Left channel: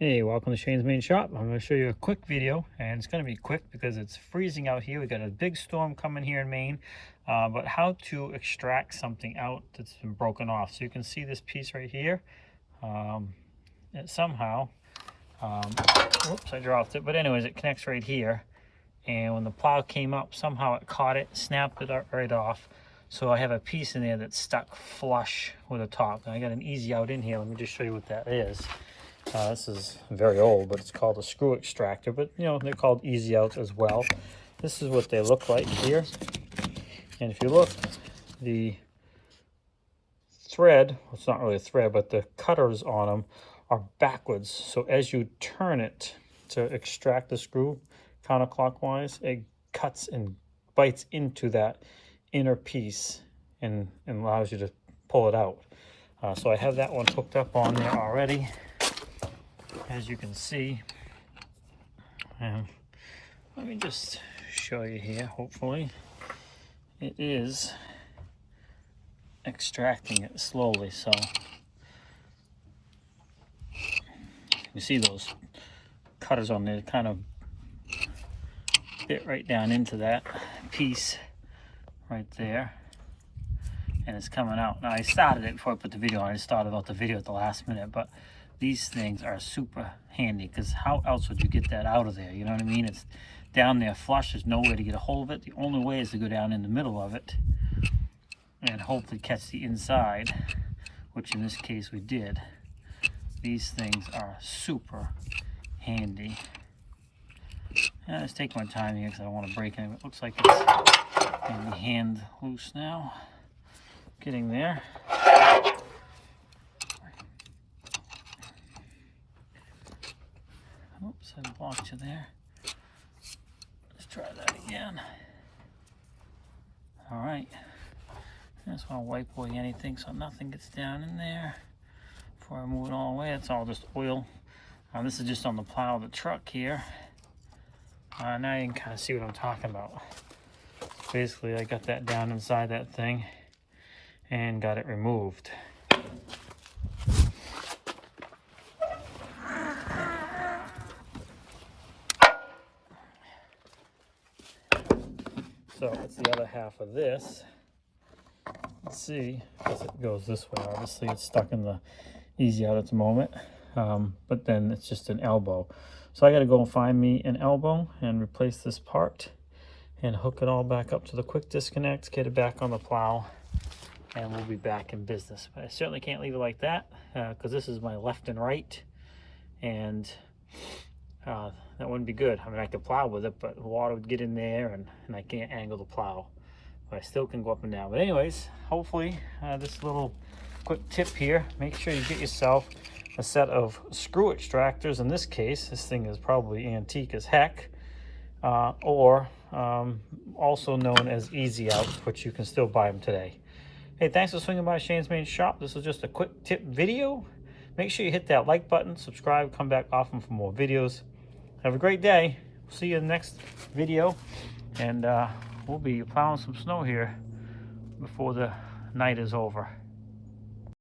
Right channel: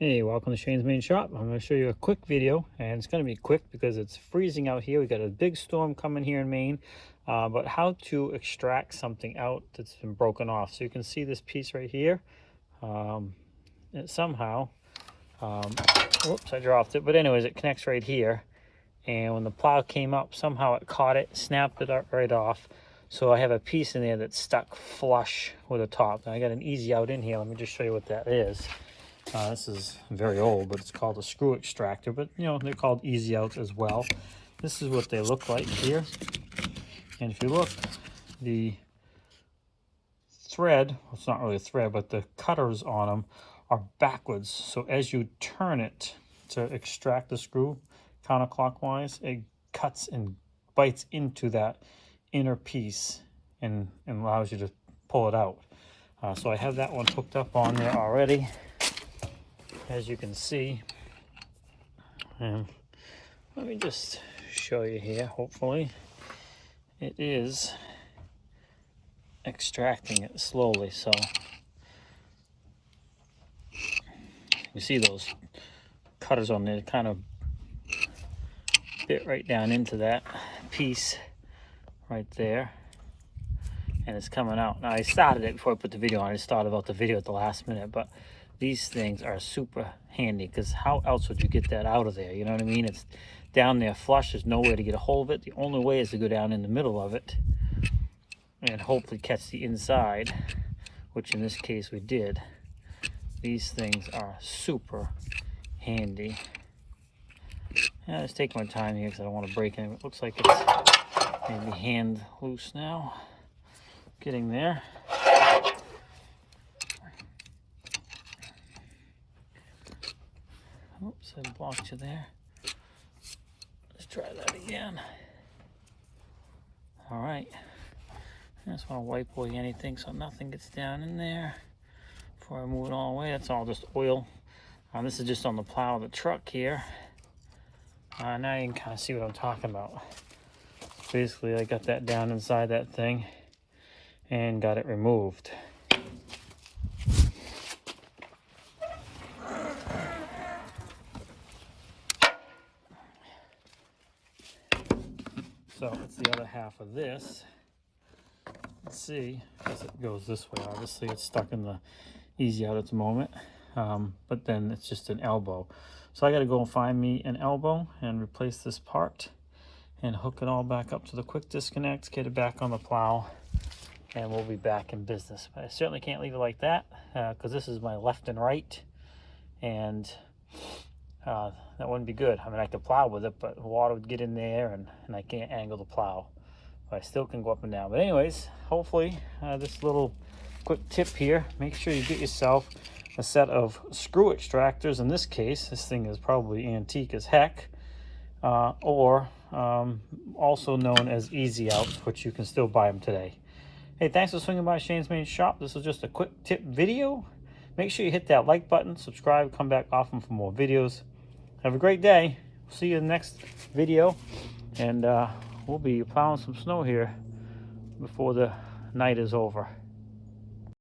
Hey, welcome to Shane's Main Shop. I'm going to show you a quick video, and it's going to be quick because it's freezing out here. We got a big storm coming here in Maine, but how to extract something out that's been broken off. So you can see this piece right here. It somehow, whoops, I dropped it. But anyways, it connects right here. And when the plow came up, somehow it caught it, snapped it right off. So I have a piece in there that's stuck flush with the top. And I got an easy out in here. Let me just show you what that is. This is very old, but it's called a screw extractor, but you know, they're called easy outs as well. This is what they look like here. And if you look, the thread, it's not really a thread, but the cutters on them are backwards. So as you turn it to extract the screw counterclockwise, it cuts and bites into that inner piece and allows you to pull it out. So I have that one hooked up on there already, as you can see. And let me just show you here. Hopefully it is extracting it slowly. So you see those cutters on there kind of bit right down into that piece right there, and it's coming out. Now I started it before I put the video on. I just thought about the video at the last minute, but these things are super handy because how else would you get that out of there? You know what I mean? It's down there flush. There's no way to get a hold of it. The only way is to go down in the middle of it and hopefully catch the inside, which in this case we did. These things are super handy. Yeah, let's take my time here because I don't want to break anything. It looks like it's maybe hand loose now. Getting there. Oops, I blocked you there. Let's try that again. All right. I just want to wipe away anything so nothing gets down in there before I move it all the way. That's all just oil. This is just on the plow of the truck here. Now you can kind of see what I'm talking about. Basically, I got that down inside that thing and got it removed. So that's the other half of this. Let's see, I guess it goes this way. Obviously it's stuck in the easy out at the moment, but then it's just an elbow. So I gotta go and find me an elbow and replace this part and hook it all back up to the quick disconnect, get it back on the plow, and we'll be back in business. But I certainly can't leave it like that because this is my left and right, and that wouldn't be good. I mean, I could plow with it, but water would get in there and I can't angle the plow. But I still can go up and down. But anyways, hopefully this little quick tip here, make sure you get yourself a set of screw extractors. In this case, this thing is probably antique as heck, or also known as easy out, which you can still buy them today. Hey, thanks for swinging by Shane's Main Shop. This was just a quick tip video. Make sure you hit that like button, subscribe, come back often for more videos. Have a great day. See you in the next video, and we'll be plowing some snow here before the night is over.